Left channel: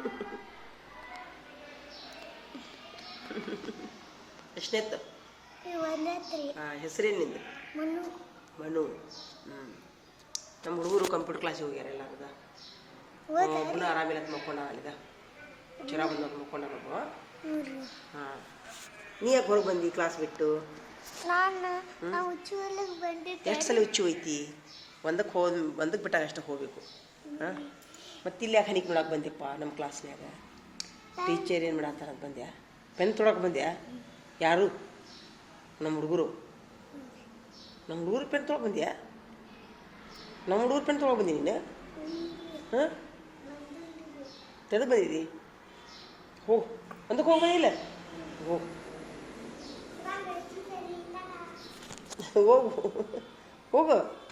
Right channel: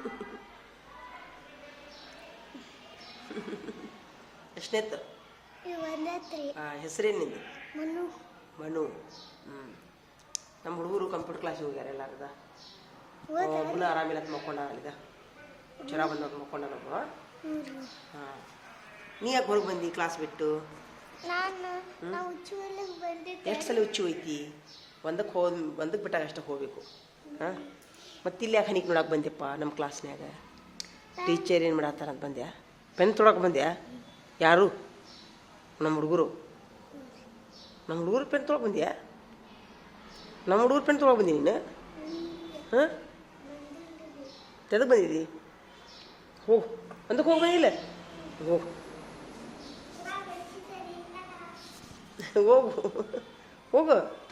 ಎಷ್ಟನೇತ್ತು ಒಂದತ್ರಿ ಹಾಂ ಹೆಸರೇನಿಂದು ಮನು. ಮನು. ಹ್ಞೂ ನಮ್ಮ ಹುಡುಗರು ಕಂಪ್ಯೂಟರ್ ಕ್ಲಾಸಿಗೆ ಹೋಗ್ಯಾರ ಎಲ್ಲಾರದ. ಒಬ್ಬನು ಆರಾಮಿಲ್ಲ ಮಕ್ಕೊಂಡ ಅಲ್ಲಿದ. ಜ್ವರ ಬಂದವ್ರು ಮಕ್ಕೊಂಡ ನಮ್ಮ ಹಾಂ. ನೀ ಯಾಕೆ ಹೊರಗೆ ಬಂದಿ ಕ್ಲಾಸ್ ಬಿಟ್ಟು? ಎಷ್ಟು ಸಲ ಹುಚ್ಚು ಹೋಯ್ತಿ? ಒಂದಕ್ಕೆ ಹೋದ್ ಒಂದಕ್ಕೆ ಬಿಟ್ಟಾಗ ಅಷ್ಟೇ ಹೋಗ್ಬೇಕು. ಹಾಂ. ಮತ್ತೆ ಇಲ್ಲಿ ಯಾಕೆ ಹನಿಗೆ ಬಂದಿಪ್ಪ ನಮ್ಮ ಕ್ಲಾಸ್ನ್ಯಾಗ ಟೀಚರ್ ಏನು ಮಾಡತ್ತಾರ ಅಂತ ಬಂದ್ಯಾ? ಪೆನ್ ತೊಳಕ್ಕೆ ಬಂದ್ಯಾ? ಯಾರು? ನಮ್ಮ ಹುಡುಗರು. ನಮ್ಮ ಹುಡುಗರು ಪೆನ್ ತೊಳಕ್ಕೆ ಬಂದ್ಯಾ? ನಮ್ಮ ಹುಡುಗರು ಪೆನ್ ತೊಳಕ್ಕೆ ಬಂದಿ ನೀನು? ಹಾಂ? ತೆಗೆದು ಬಂದಿದ್ದಿ ಹೋಗು ಅಂದಕ್ಕೆ ಹೋಗಿ ಬಂದಿಲ್ಲ? ಹೋಗು ಹೋಗು. ಹೋಗು.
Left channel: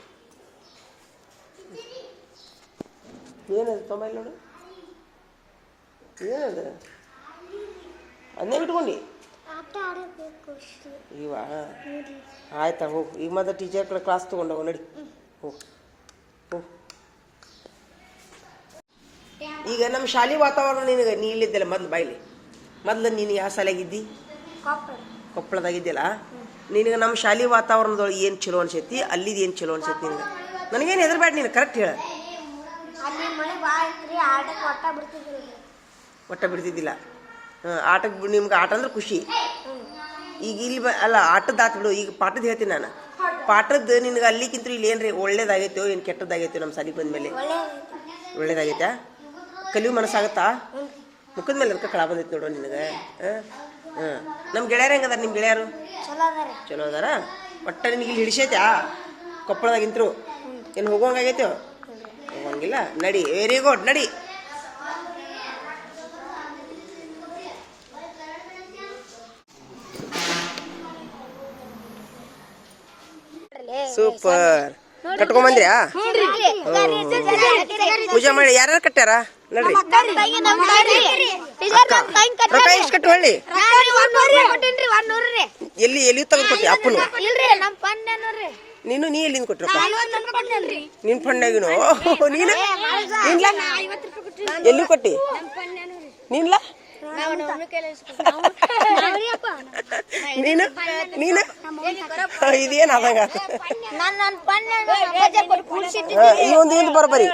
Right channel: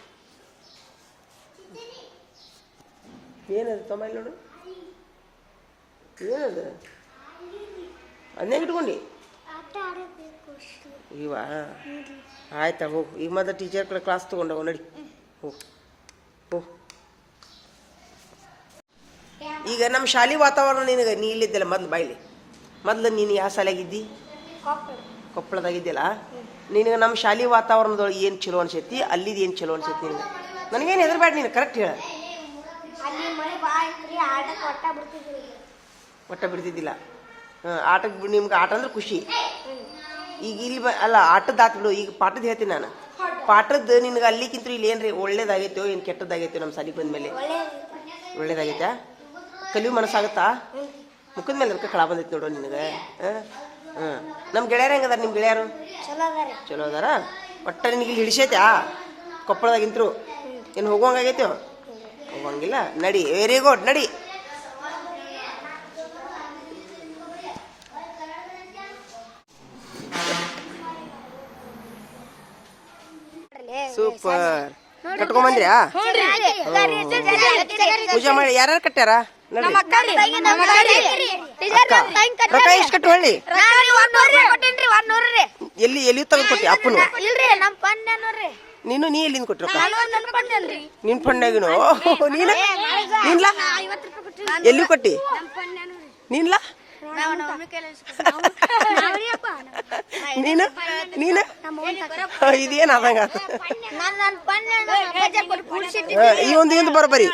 ಏನದು ತೊಂಬೈ ನೋಡು. ಏನದು ಅದನ್ನೇ ಅಷ್ಟೇ. ಇವ? ಆಯ್ತಾ ಹೋಗು. ಈಗ ಮತ್ತೆ ಟೀಚರ್ ಕಡೆ ಕ್ಲಾಸ್ ತೊಗೊಂಡೋಗು ನಡಿ. ಹೋ ಹೋಗು. ಈಗ ನಮ್ಮ ಶಾಲೆ ವಾತಾವರಣ ನಿನಗೆ ನೀ ಇಲ್ಲಿದ್ದಲ್ಲ ಮೊದ್ಲು ಬಾಯ್ಲಿ. ಮೊದ್ಲು ನೀನು ಯಾವ ಶಾಲೆಗಿದ್ದಿ ಕೊಪ್ಪಳದಾಗಿದ್ದಲ್ಲ ಕೊಪ್ಪಳದಾಗಿದ್ದಿಲ್ಲ? ನಿನಗೆ ನಮ್ಮ ಶಾಲೆ ವಾತಾವರಣದೊಳಗೆ ಏನು ಚಲೋ ಅನ್ಸೈತಿ? ಅಲ್ಲಿದ್ದು ಏನು ಚಲೋ ಅನ್ಸೈತಿ ನಿನಗೆ? ನನಗೇನು ಹೆದರ್ಬೇಡ ನೀನು ಕರೆಕ್ಟ್ ಹೇಳ. ಅಲ್ಲಿ ಮಳೆ ಭಾಳ ಆಟಕ್ಕೆ ಒಟ್ಟ ಬಿಡ್ತಿದ್ರು ಒಟ್ಟ ಬಿಡ್ತಿದ್ದಿಲ್ಲ. ಹಾಂ ಆಟಕ್ಕೆ ನಿಮ್ಗೆ ಆಟ ಅಂದ್ರೆ ಖುಷಿ. ಈಗ ಇಲ್ಲಿ ಬ ಅಲ್ಲ ಆಟದ ಆತು ಬಿಡು ಈಗ ಪಾಠದ ಹೇಳ್ತೀನಿ ನಾನು. ಪಾಠದ ನಿನ್ಗೆ ಅಲ್ಲಿಕ್ಕಿಂತ ಇಲ್ಲಿ ಏನ್ರಿ ಒಳ್ಳೇದಾಗೈತೋ ಏನು ಕೆಟ್ಟದಾಗೈತೋ ನಮ್ಮ ಸಲಿಗೆ ಬಂದ್ಮೇಲೆ? ಮೇಲೆ ಒಳ್ಳೇದಾಗೈತಾ? ಕಲಿಯು ಮನಸ್ಸಾಗತ್ತಾ? ಮುಖದ ಮೇಲೆ ಅದಕ್ಕೆ ಕಳ ಬಂದೈತಿ ನೋಡು ನಿನಗೆ. ಹಾಂ ಹಾಂ. ನಮ್ಮ ಗೆಳೆಯರು ಹೆಂಗದಾರ ನಿಮ್ಮ ಗೆಳೆಯರು? ಚಲೋ ಅದಾರ. ಚಲೋ ಅದಾರ? ಒಟ್ಟ ನಿನಗೆ ಇಲ್ಲಿ ಹಿಡಿಸೈತಾ? ಕೊಪ್ಪಳದಾಗಿಂತರು ಏನು ಹೋಗುವಂಗಾಗೈತೋ? ಹೋಗಂಗಿಲ್ಲ. ನಡಿ ವೆರಿ ಗುಡ್ ನಡಿ. ಸೂಪರ್ ಕಟ್ಕೊಂಬಂದ್ರ್ಯಾ ಪೂಜೆ ಮಾಡಿ ಯಾರು ಕಟ್ಟ್ಯಾರ? ನಡ್ರಿ ರೊಕ್ಕ ಎಷ್ಟು ಕಟ್ಟು ಹೇಳಿ. ಎಲ್ಲಿ ಎಲ್ಲಿ ತೆಗೆದು ಕೊಟ್ಟಿ ಅಪ್ಪನು. ನೀನು ನೀ ಎಲ್ಲಿಂದ ಕೊಟ್ರಪ್ಪ ನಿನ್ ಫಂಡಾಗಿನು ನೀನು ಎಲ್ಲಿ ಕೊಟ್ಟಿ ನೀನ್ಲ ನೀನು ನೀನು ಇದೇನು ಆದಂಗ ಈ ಒಂದು ಇವಂದು ಬರಬರಿ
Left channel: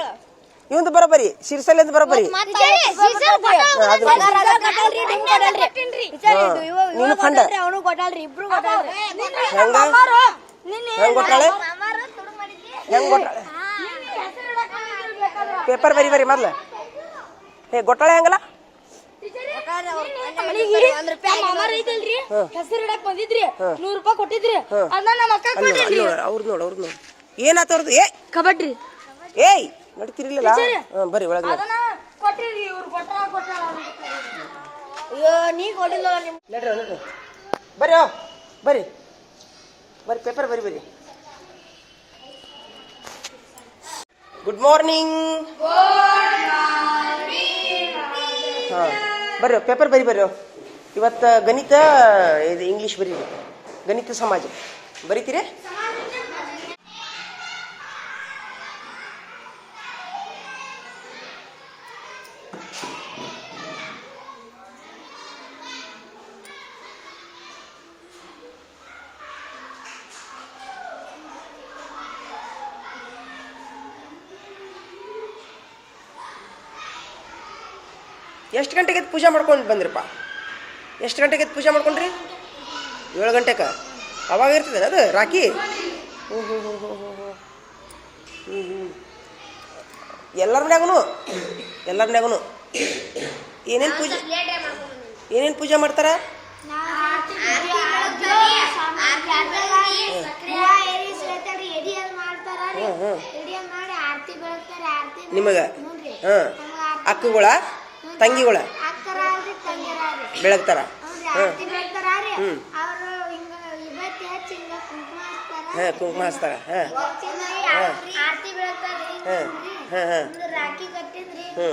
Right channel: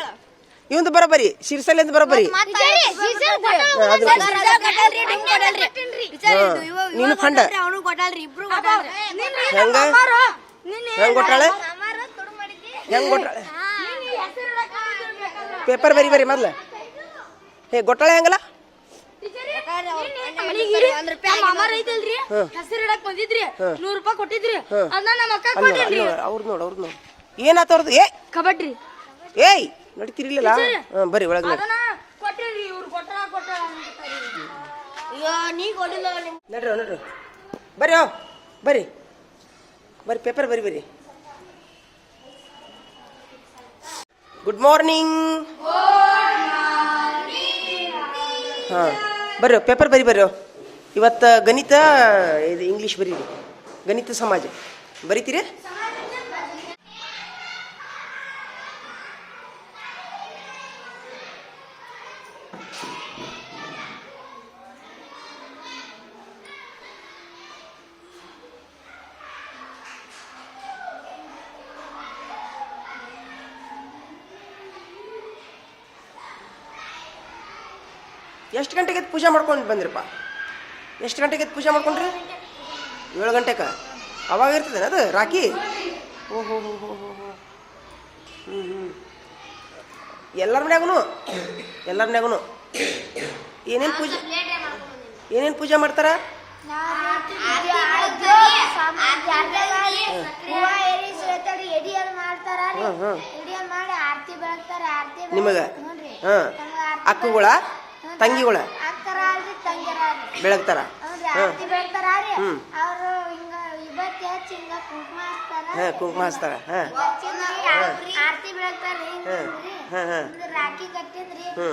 ಇವಂದು ಬರೋಬ್ಬರಿ ಎಂದು ಬರಬರಿ ನೀನು ಫಂಡ ಹೆಂಗ ಹೆಂಗ್ ಕೊಟ್ಟಾಳೆ ಹೆಂಗ್ ಕೊಟ್ಟಾಳೆ ಪೇಪರ್ ಬರಿ ಬರಿ ಮೊದ್ಲು. ಹೇ ಗೊಟ್ಟಳೆ ಹೆಂಗಲ್ಲ? ಹೆಸರು ಇಡಕ್ ಬಂದಿದ್ರಿ. ನೂರ್ ರೂಪಾಯಿ ಕೊಟ್ಟಿದ್ರಿ. ಅದನ್ನ ನಮ್ಮ ಅಕ್ಕ ಅಲ್ಲಿ ನೋಡು ಅಲ್ಲಿ ನೋಡು ಏನಾತ ಅವ್ರದ್ದು ಏ! ಕಬಡ್ಡಿ. ಏಯ್! ನಡೀತಿರ್ಲಿಲ್ಲ. ಹಾಂ ಬರ್ರಿ ಒಳಗೆ ನಡ್ರಿ. ನಡ್ರಿ. ಬರ್ರಿ ಓ ಬರ್ರಿ ಬರ್ರಿ ಪೇಪರ್ ಬರ್ರಿ ಬರ್ರಿ ಗುಡ್ ಮಾರ್ನಿಂಗ್ ಹಾಂ, ಬರ್ರಿ, ಪೇಪರ್ ಬರಿ ಬರ್ರಿ. ಇವತ್ತು ಗಣಿತ, ಇದು ಇಂಗ್ಲೀಷ್ ಬರೀರಿ. ಗಣಿತ ಸಮಾಜ. ಬರಿತೀರಿ? ಎಷ್ಟು ಗಂಟೆಗೆ ಎದ್ದು ಪೂಜೆ ಮಾಡ್ಕೊಂಡು ಬಂದ್ರಪ್ಪ? ಎಷ್ಟು ಗಂಟೆಗೆ ಎದ್ದು ಪೂಜೆ ಮಾಡ್ಕೊಂಡ್ರಿ? ಏಳು ಗಂಟೆಗೆ ಅವಾಗ ಇರ್ತದೆ ಅದು ರಾಖಿ? ಹ್ಞೂ ಹೋ ಹೋ ಹೋ ಹೋ ಹೋ ಹ್ಞೂ ಹ್ಞೂ ಎಲ್ಲರ ಮನ್ಯಾಗೂ ಎಲ್ಲರ ಮನ್ಯಾಗೂ ಏನೇನು ಪೂಜೆ ಏನೇನು ಪೂಜೆ ಮಾಡ್ತಾರ? ಹ್ಞೂ ಹ್ಞೂ ನಿಮಗೆ ಹಾಂ. ಅಕ್ಕಗಳ ತಂಗಿಗಳ. ಬೆಳಗ್ತಾರ? ಹಾಂ ಹ್ಮ್. ಅವರು ಹಿಂಗ ಇವತ್ತು ಹೆಚ್ಚು ಹಿಂಗ ಕುಂಕುಮ ಹಚ್ತಾರ. ಹಾಂ ಕುಂಕುಮ ಹಚ್ತಾರ. ಹಾಂ. ಬೆಳಗ್ತಾರೆ ಹಾಂ ಹಾಂ ಹಾಂ ಹ್ಞೂ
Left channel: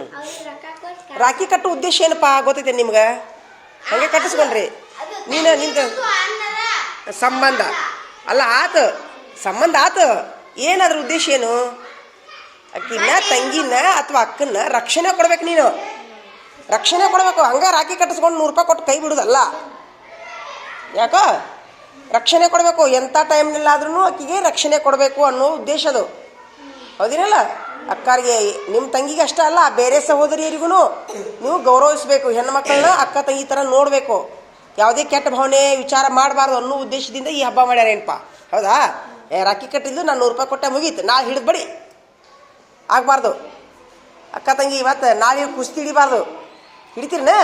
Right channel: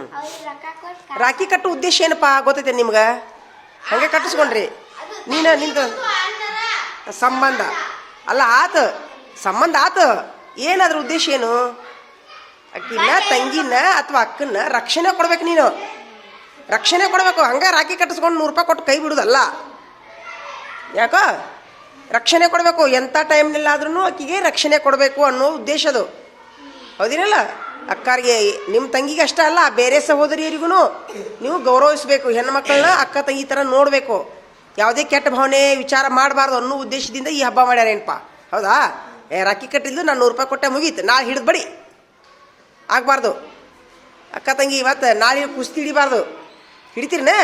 ರಾಖಿ ಕಟ್ಟೋ ಉದ್ದೇಶ ಏನಪ್ಪ? ಗೊತ್ತೈತೆ ನಿಮ್ಗೆ? ಹಂಗೆ ಕಟ್ಟಿಸ್ಕೊಂಡ್ರಿ. ನೀನು ನಿಂತ ಸಂಬಂಧ. ಅಲ್ಲ ಆತ. ಸಂಬಂಧ ಆತ. ಏನಾದ್ರ ಉದ್ದೇಶ ಏನು? ಅಕ್ಕಿನ ತಂಗಿನ ಅಥವಾ ಅಕ್ಕನ ರಕ್ಷಣೆ ಕೊಡ್ಬೇಕು ನೀನು. ರಕ್ಷಣೆ ಕೊಡಬೇಕು. ಹಂಗೆ ರಾಖಿ ಕಟ್ಟಿಸ್ಕೊಂಡು ನೂರು ರೂಪಾಯಿ ಕೊಟ್ಟು ಕೈ ಬಿಡುದಲ್ಲ. ಯಾಕೋ? ರಕ್ಷಣೆ ಕೊಡಬೇಕು. ಎಂಥ ಟೈಮ್ನಲ್ಲಾದ್ರೂ ಅಕ್ಕಿಗೆ ರಕ್ಷಣೆ ಕೊಡಬೇಕು ಅನ್ನೋ ಉದ್ದೇಶ ಅದು. ಹೌದಿರಲ್ಲ? ಅಕ್ಕಾರಿಗೆ ನಿಮ್ಮ ತಂಗಿಗೆ ಅಷ್ಟೇ ಅಲ್ಲ, ಬೇರೆ ಸಹೋದರಿಯರಿಗೂ ನೀವು ಗೌರವಿಸಬೇಕು. ಹೆಣ್ಣು ಮಕ್ಕಳನ್ನ ಅಕ್ಕ ತಂಗಿ ಥರ ನೋಡಬೇಕು. ಯಾವುದೇ ಕೆಟ್ಟ ಭಾವನೆ, ವಿಚಾರ ಮಾಡಬಾರ್ದು ಅನ್ನೋ ಉದ್ದೇಶದಿಂದ ಈ ಹಬ್ಬ ಮಾಡ್ಯಾರೇನಪ್ಪ. ಹೌದಾ? ಏ, ರಾಖಿ ಕಟ್ಟಿದ್ದು ನಾನು ನೂರು ರೂಪಾಯಿ ಕೊಟ್ಟೆ ಮುಗೀತು. ನಾ ಹಿಡಿದ್ಬೇಡಿ ಬಡಿ. ಆಗಬಾರ್ದು. ಅಕ್ಕ ತಂಗಿ ಇವತ್ತು ನಾಳೆ ಕುಸ್ತಿ ಹಿಡಿಬಾರ್ದು. ಹಿಡಿತೀರನೇ?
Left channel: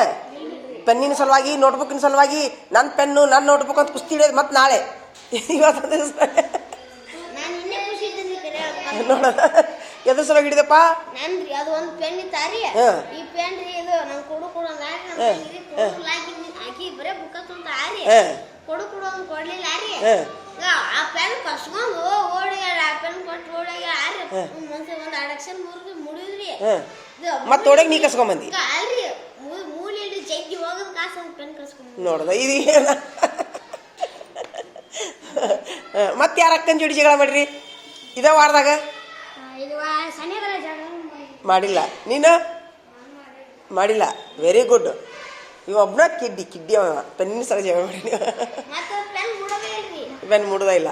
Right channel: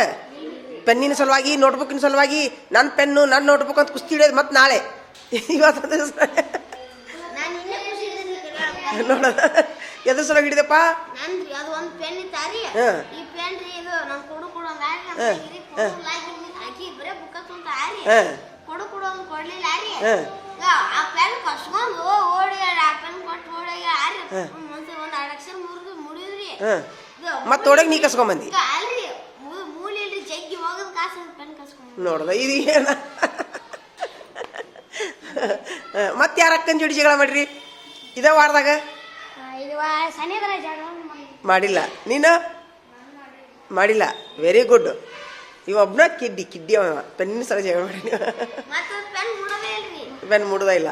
ಪೆನ್ನಿನ ಸಲುವಾಗಿ ನೋಟ್ಬುಕ್ಕಿನ ಸಲುವಾಗಿ ನನ್ನ ಪೆನ್ನು ನನ್ನ ನೋಟ್ಬುಕ್ ಅಂತ ಕುಸ್ತಿ ಹಿಡಿಯೋದು ಮತ್ತೆ ನಾಳೆ. ಇವತ್ತು ಎದ್ರ ಸಲುವಾಗಿ ಹಿಡಿದಪ್ಪ? ಕಸ್ಕೊಂಡು ಮತ್ತೆ ನೀ ಕಸ್ಕೊಂಬಂದಿ ಈಗ ಅಲ್ರಿ ಮೂಲೆಯಲ್ಲಿ ಜಗ್ಗಿ ಹೋಗದ್ ಕಾಸು ಪೆನ್ ಕಸ್ಕೊಂಡು ನೋಡ್ದ ಇದು ಏನ? ಮತ್ತೆ ಯಾರ ಅಕ್ಕನ ಜೋಡಿ ಜಗಳ ಮಾಡ್ರಿ? ಇದೇ ವಾರದಾಗ? ಮಾಡಿಲ್ಲ. ನೀನು? ಮಾಡಿಲ್ಲ. ವೆರಿ ಗುಡ್ ಇವೊಬ್ಬನ ಕಿಡ್ಡಿ ಕಿಡ್ಡಿ ಅವ ಪೆನ್ನ ಸಲ ಜಗಳ ಮಾಡಿ ಪೆನ್ ಮುಡದ ಇಲ್ಲ.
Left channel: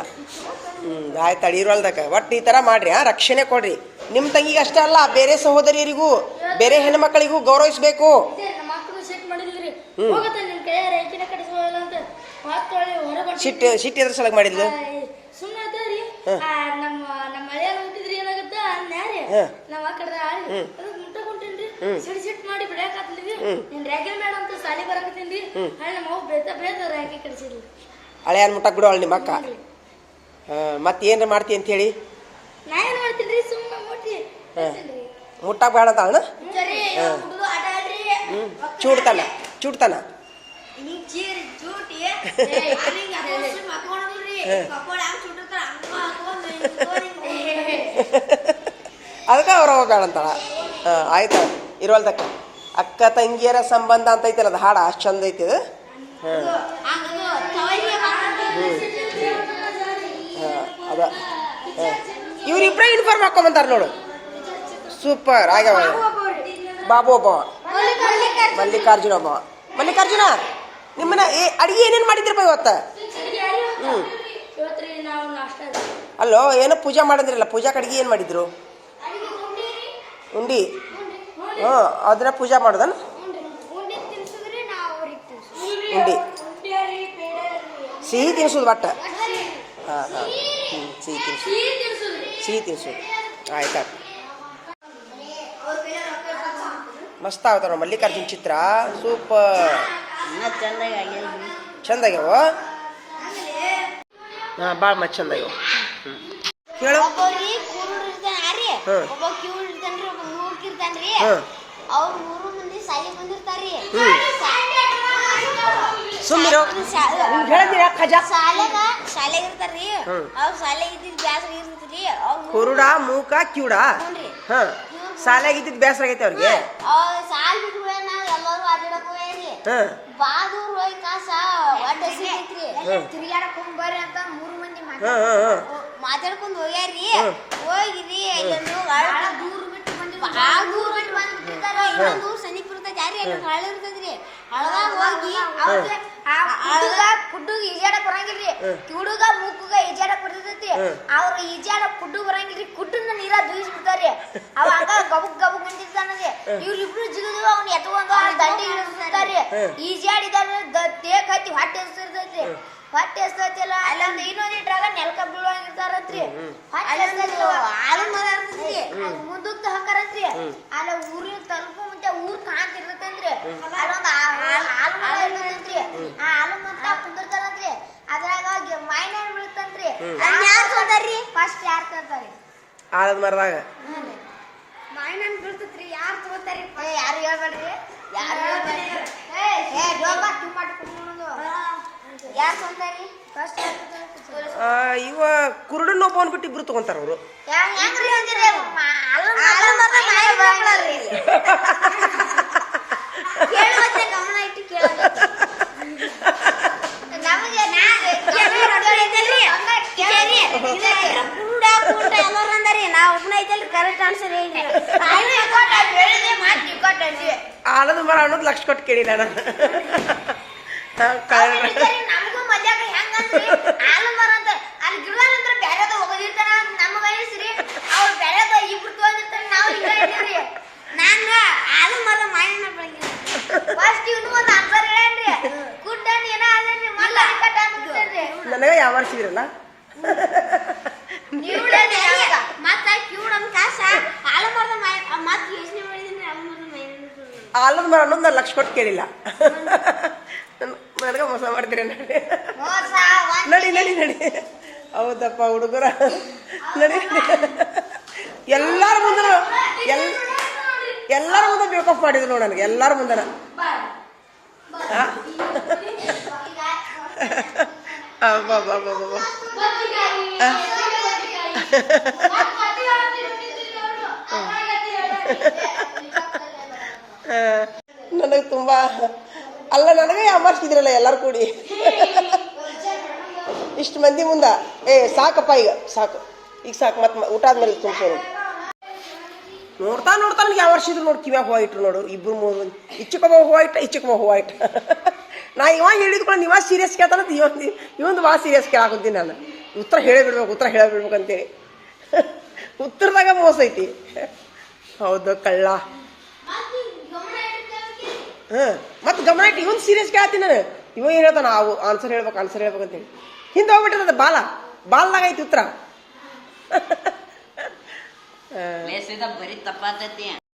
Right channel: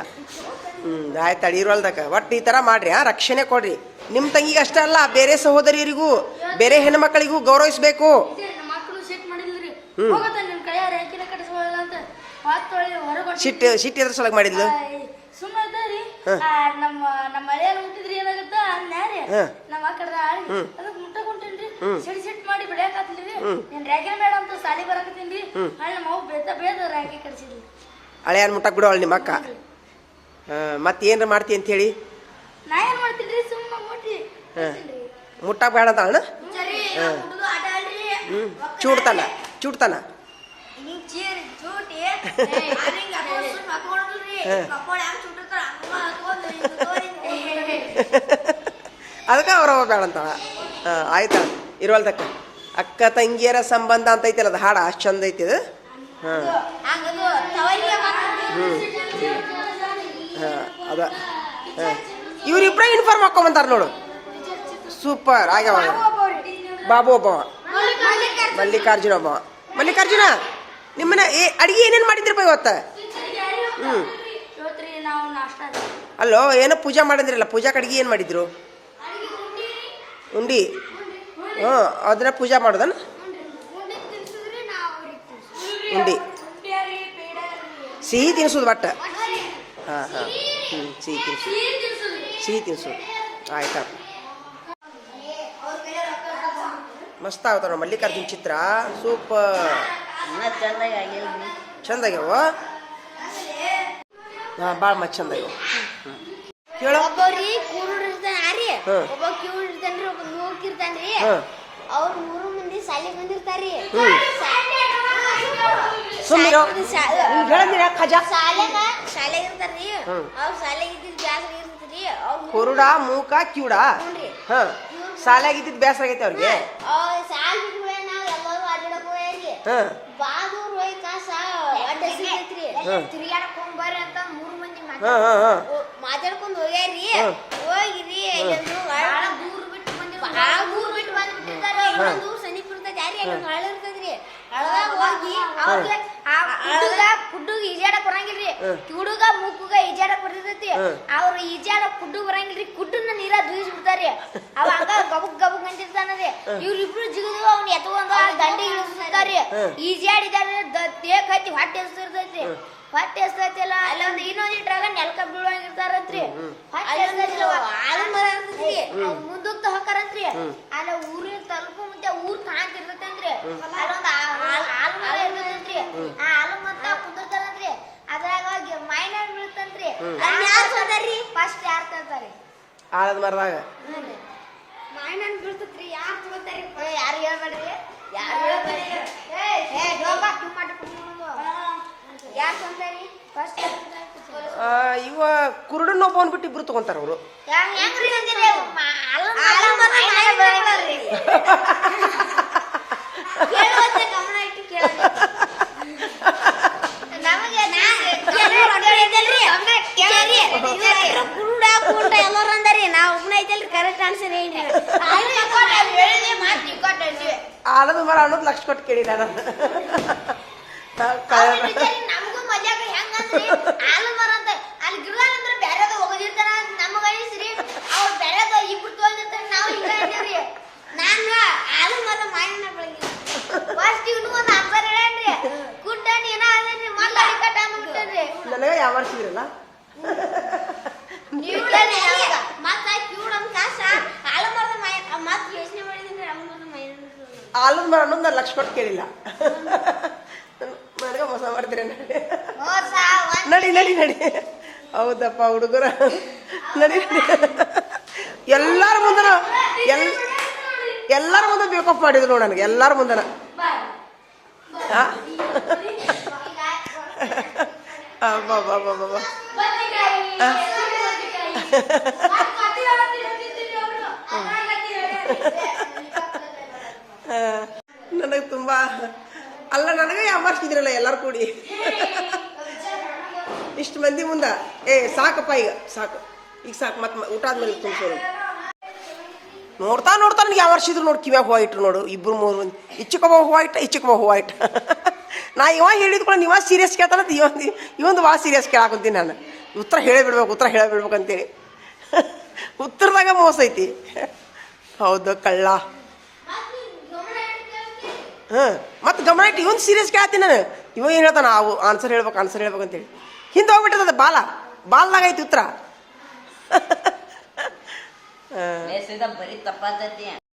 ಹ್ಞೂ ಆಯ್ತು ಅಡಿರೋಲ್ದಾಗ ಒಟ್ಟು ಈ ಥರ ಮಾಡ್ರಿ ಆ ರಕ್ಷಣೆ ಕೊಡ್ರಿ. ನಿಮ್ಮ ತಂಗಿಗೆ ಅಷ್ಟೇ ಅಲ್ಲ ಬೇರೆ ಸಹೋದರಿಯರಿಗೂ ಬೇರೆ ಹೆಣ್ಮಕ್ಳಿಗೂ ಗೌರವಿಸಬೇಕು ನಮ್ಮ ಮಕ್ಕಳು ಸಿಟ್ ಮಾಡಿಲ್ರಿ ಹೋಗತ್ತ ನಿಮ್ ಕೈಯಾರ ಐಕಿನ ಕಟ್ಟಿಸ್ಬೋದಲ್ಲ ಅಂತ. ಹೊತ್ತೊಳ್ಳಿ ಹೊರಗೊಂಡು ಸಿಟ್ಟು ಸಿಟ್ಟು ಎದ್ರ ಮಾಡಿದ್ಲು? ಸುಮ್ಮನೆ ಇದ್ದಾರಿ ನಮ್ಮ ನಮ್ಮ ಹಳೆಯಲ್ಲ ಹುಟ್ಟಿದ್ರಿ ಏನಾಗುತ್ತ? ಅನ್ಯಾರಿ ಹ್ಮ್. ನಮ್ಮ ಅಕ್ಕಡ ಅದಕ್ಕೆ ಮುಟ್ಟ ಕುಂಟೇನ್ರಿ ಸಿಟ್ ಸಿಟ್ ಮಾಡಿ ಬಿಡಾಕತ್ತೀನ್ರಿ ನೀನ್ ರ್ಯಾಕೆ ಬೇಡ ಅಂತ ಸಾಲಿ ಬರಾಕತ್ತೀನ್ರಿ ಹಳ್ಳಿ ನಮ್ಮ ಅವ್ವ ಬೇತ ಬೇದ ರ್ಯಾಕೆ ಕಡಿಸಿದ್ರಿ ಹಳೆಯನ್ ಮುಟ್ಟಕ್ಕೆ ಬಿಡೋಳು ನಿಮ್ಮ ಅಕ್ಕ. ಮತ್ತೆ ಏನ್ರ ಮಾಡ್ತಿ ಅಂತ ಹೇಳಿ? ನಾ ಏನ್ ಮಾಡ್ತೀನ್ರಿ ಸುಮ್ಮನೆ ಮುಟ್ಟಿ. ಕಳ್ಸೀನ್ರಿ. ಬೇಡ ಚೂಡ್ತಾನ ಚೂಡ್ತಾನ? ಅದಕ್ಕೆ ಅವ್ರ ಬೇಡ ಅಂತಾಳ ಹಾಂ ಆಯ್ತು? ಇರುವಲ್ದಕ್ಕ ಅಕ್ಕ ತಂಗಿಯರ ಸಂಬಂಧ ಅಂತ ಐತಲ್ಲ ಅದು ಹಾಡು ಅಷ್ಟು ಚಂದ ಐತಿ ಅದು. ಹಾಂ. ಅದ. ಹಾಂ. ಇವ್ರಿಬ್ರೇ ಯೂನಿಫಾರ್ಮ್ ಹಾಕೊಂಬಂತಾರ ನೋಡು. ಸೂಪರ್ ಆಗ್ಯಾವ. ಬಾಬು ಒಬ್ಬವ. ಮಲ್ಲಿಕಾರ್ಜುನ. ಮಲ್ಲಿಕಾರ್ಜುನ ಒಬ್ಬವ. ಮಲ್ಲಿಕಾರ್ಜುನ, ನಿಮ್ಮನ್ನ ಏ, ಅಡಿಗೆ ಏನೇನು ಮಾಡಿದ್ರಪ್ಪ ಇವತ್ತು? ಹ್ಞೂ ಅಲ್ಲೋ, ಏನೋ ಪೂಜೆ ಮಾಡಿದ್ರಲ್ಲ, ಪೂಜಾ ಕಡೆಗೆ ಏನು ಮಾಡಿದ್ರು? ಉಂಡಿ. ಹ್ಞೂ ಅದನ್ನ ಪೂಜೆ ಮಾಡೋದನ್ನ ಉಂಡಿ. ಸಿಹಿ ತಿನ್ಸೋದು ಬಟ್ಟ. ಹಾಂ ಹಾಂ. ಹ್ಞೂ ಸಿಹಿ ತಿನ್ಸೋದು. ಸಿಹಿ ತಿನ್ಸೋದು. ಆಯ್ತಾ ಮಸ್ತ್ ಆಗ್ತಾವ ನೋಡ್ ಮಲ್ಲಿಕಾರ್ಜುನ್ ಚಿತ್ರ. ಸೂಪರ್. ಚಂದ ಆಗ್ಯಾವ ಹಾಂ ಭಾಳ ಮಸ್ತ್ ಚಂದ ಆಗ್ಯಾವ ಹ್ಞೂ ಹೇಳು ಸುಮ್ಮಿರೋ ಹೇಳಿದಿರ ಖಜಾ? ಶಾಲೆಗ ಶಾಲೆಗ ಇರ್ತಾರ್ರಿ ಹ್ಮ್. ಅವ್ರ ಶಾಲೆಗ ಕುರುಡ ಮೂಕ ಕ್ಯೂಡ. ಹಾಂ. ಸಾಲಾಗ ಇದ್ದಿದ್ದು ಬೇಸರ ಆಗೈತೆ ಅವ್ರಿಗೆ. ಅವ್ರ ಸಾಲ್ ಬಿಟ್ಟು ನಾವ್ ಎಲ್ಲರೂ ಅಡ್ಡಾಡಕ್ ಹೋಗ್ಯಾರಿ ಹಾಂ. ಹೋಗಿ ಕಾಸ ಸಿಗೈತ್ರಿ ಅಂತ ಮೂರು ಮಂದಿ ಮಾತಾಡ್- ಹಾಂ ಹಾಂ ಹಾಂ. ಓ- ಮಾತಾಡ್ಕೊಂಡ್ ಹೋಗ್ಯಾರಿ. ಹೋಗಿರಿ ಎಲ್ಲೆಲ್ಲೋ ದೂರ ಬಿಟ್ಟು ಬಂದಿ ಭಾಳ ದೂರ ಬಿಟ್ಟು ಬಂದ್ಬಿಟ್ಟಿದ್ದಾರೆ ಇನ್ನೊಂದು ಸಮೀಪ ಇರ್ತೈತಿ. ಯಾರಿ ಅಲ್ಲಿ ಹಳ್ಳ ಇರ್ತೈತ್ರಿ. ಹಳ್ಳದಾಗ ಹೋಗಿ ಹಳ್ಳದಾಗ ಕುಡ್ಡುಗ ಈಜಾಡಕ್ ಬರಂಗಿಲ್ರಿ. ಕಿವುಡುಗ ಮೂಕುಗ ಈಜಾಡಕ್ ಬರ್ತೈತಿ ಅವ್ರ ಈಜಾಡಕ್ ಕುಡ್ಡು ಬರಂಗಿಲ್ರಿ. ಕುಡ್ಡನ್ನ ನೀರ ದೂಯಿಸ್ ಬಿಡ್ತಾರಿ ಅವ ಹಂಗ ಗಬುಕ್ ಗಬಕ್ ನಿಂತಿರ್ತಾನರಿ ಇವ್ರಿಬ್ರು ಜಿಗಿದು ಅವ್ನ ಎತ್ಕೊಂಡ ದಂಡಿ ಇಳಿಸ್ತಾರಿ ಈಜಾಡಿದಾರೆ ತೇಕ್ ಹತ್ತಿ ಹೊಟ್ಟೆ ಎಸ್ತಿರ್ತೈತಿ ಹೊಟ್ಟೆ ಎಸ್ತೈತಿಲ್ಲ ಅಲ್ಲೊಂದು ಇನ್ನೊಂದು ಇಟ್ರಾಗ ನೆಲಕ ಬೀಳುವಂಗಿರ್ತಾರಂತ್ರಿ. ಹೊಟ್ಟೆ ಎಸ್ತೈತಿಲ್ಲ ಆಲ ಮರ ಇರ್ತೈತಿ ಮುಂದಕ್ಕ ಹಾಕಾರತ್ರಿ ಅಲ್ಲ ಊರಿನ ತಲುಪು ಮುಂದೆ ಊರ್ ಕಾಣ್ತಿರ್ತೈತಂದ್ರಿ ಅಲ್ಲೊಂದು ಹಾಲು ಮರ ಇರ್ತೈತಂತ್ರಿ ಆ ಆಲ ಮರ ಹೋಗಿ ಮೈನರ್ ಬೀಳ್ತಂತ್ರಿ ಬೀಳ್ತಂತ್ರಿ ಯಾರು ಸೋದಾರಿ ಫಸ್ಟ್ ಯಾರು ತರ್ತಾರಿ? ಆಲದ ಮರದಾಗ. ಮಾವಿನಹಣ್ಣು ಬೀಳ್ತತ್ರಿ ಯಾರು ತಗೋತಾರಿ ಯಾರು ಹೇಳ್ಬೇಡ್ರಿ? ಯಾರು ಹೇಳ್ಬೇಡ್ರಿ? ಏ ಡೋಬ ಕಿಮ್ಮಟ್ಟು ಕುಮ್ಮಣ್ಣದು ಯಾರು ತಂದಾರಿ ಫಸ್ಟ್ ಯಾರು ಆ, ಇವ ಕುರುಡನ್ನ ಒಬ್ಬ ಬಿಟ್ಟು ಇಬ್ರು ತಗೊಂತಾರ ಅವರು. ಗಮನ ಇಟ್ಟು ಕೇಳ ಆಲದ ಮರ ಅನ್ನೋದು ಲಕ್ಷ ಕೊಟ್ಟು ಕೇಳಿ ನಾನು ಆ, ಕಳ್ಳ- ನಮಗೂ ಮಜಾಕ ಹೆಂಗಂದ್ರಿ ಆಲು ಮರ ಅಂತ ಅಲ್ಲಿ ಗಿಡದಂದ್ರ ಬ್ಯಾರೆದ ಹೋಗಿರ್ತಾರ ಅಂತ ನಮಗ ಅನಿಸ್ರಿ ಅವ್ರು ಬ್ಯಾರೆದ ಇಬ್ರು ತಗೊಂಡಿರ್ತಾರ ನಾವು ಈಗ ಇದ್ದೀವ್ರಿ ನಾನ ಆಲು ಮರ ಮಾಯಣ್ಣ ಬೆಳಗ್ಗೆ ಫಸ್ಟ್ ಇವನು ಒಂದು ಅಂಬರ್ ಹೇಳನ್ರಿ ಕುಡ್ಡನ್ ಏನ ಅದನ್ರಿ ಮಲ್ಲ ಕಟ್ಟ ಅಂದ್ರಿ ನನಗೆ ಯಾವ ವರ್ಷಿದ್ರಲ್ಲ ಮತ್ತ ಕ್ಯೂಡ್ ಅಂತ ಕಾಸ ಆಲು ಮರದ ಮಾಯ ಮತ್ ಯೋಚನೆ ಮಾಡಿದ್ರೆ ಆಲು ಯಾವ ಮಾಯಣ್ಣ ಆಲದ ಮರ ಅನ್ನೋದು ನಾನು ಲಕ್ಷ ಕೊಟ್ಟು ಕೇಳಿಲ್ಲ ನನಗ ಮೋಸ ಮಾಡ್ತೀರ ನಡಿ ನಡಿ ನಡಿ ನಡಿ ಹೌದಪ್ಪ ಹುಡುಗರ ನಡಿ ಎಲ್ಲಾರ ಮುಂದನ ಎಲ್ ಎಲ್ಲಾರ ಮುಂದೆ ಬೇಕಪ್ ಮಾಡಿದ್ರು ನೋಡು ನನಗೆ ಎಲ್ಲಾರ ಮುಂದನ? ಅಬ್ಬಾ ಬಾ ಬಾ ಬಾ ಬಾ ಆ? ಆ, ನನಗೆ ತುಂಬ ಅಲ್ಲ ನನಗೆ ಯಾಮಾರ್ಸಿದ್ರಲ್ಲ ಎಲ್ಲರೂ ಕೂಡಿ. ಇಷ್ಟು ಮಂದಿ ಮುಂದ. ಏ ಸಾಕಪ್ಪ ಈಗ ಸಾಕು. ಈಗ ಸಾಕು ಮತ್ತೆ ಊಟ ಆದ್ಮೇಲೆ ತುಂಬಿಸೋರು ನೋಡ್ತಾ ನೋಡ್ತಾ ನನಗೆ ಇದ್ರು ನೋಡಿ ಕಿವ್ಯಾಗ ಹೂವು ಇಟ್ರು ನೋಡು ಇಬ್ರು ಮೂರು ಮಂದಿ. ಇಚ್ಚಕೊಬ್ಬ ಹೂವು ಇಟ್ಟ ಇಚ್ಚಕೊಬ್ಬ ಹೂವು ಇಟ್ಟ. ನಾ ಇವಾಗ ಕೂಡ ನೀವ ಸೀರಿಯಸ್ ಕೇಳ್ತಾನ ಇವೊಂದು ಇವೊಂದು ಭಾಳ ಸೀರಿಯಸ್ ಕೇಳಾಕೊಂತೀನಿ ನಾನು. ಉತ್ತರ ಹೇಳೇ ಬಿಡ್ಬೇಕು ಉತ್ತರ ಹೇಳೇ ಬಿಡ್ಬೇಕು ಅಂತೇಳಿ. ಉತ್ತರದಾಗ ಮೋಸ ಐತಿ. ಹೌದು ಕಳ್ಳ. ಹಾಂ, ಮತ್ತೆ ಗಮನ ಇಟ್ಟು ಇವನ್ ಸೀರಿಯಸ್ ಕೇಳ್ತೀನಿ ನಾನು. ಇವ ಏನು ಹೇಳ್ತಾನ? ಅವು ಆನ್ಸರ್ ಹೇಳ್ಬೇಕು ಆನ್ಸರ್ ಹೇಳ್ಬೇಕು ಅಂತೇಳಿ. ಹಿಂದೆ ಹೋಗ್ಬಿಟ್ಟದ ಬಾಲ. ಬಾಲ್ದಾಗೈತಿ ಉತ್ತರ.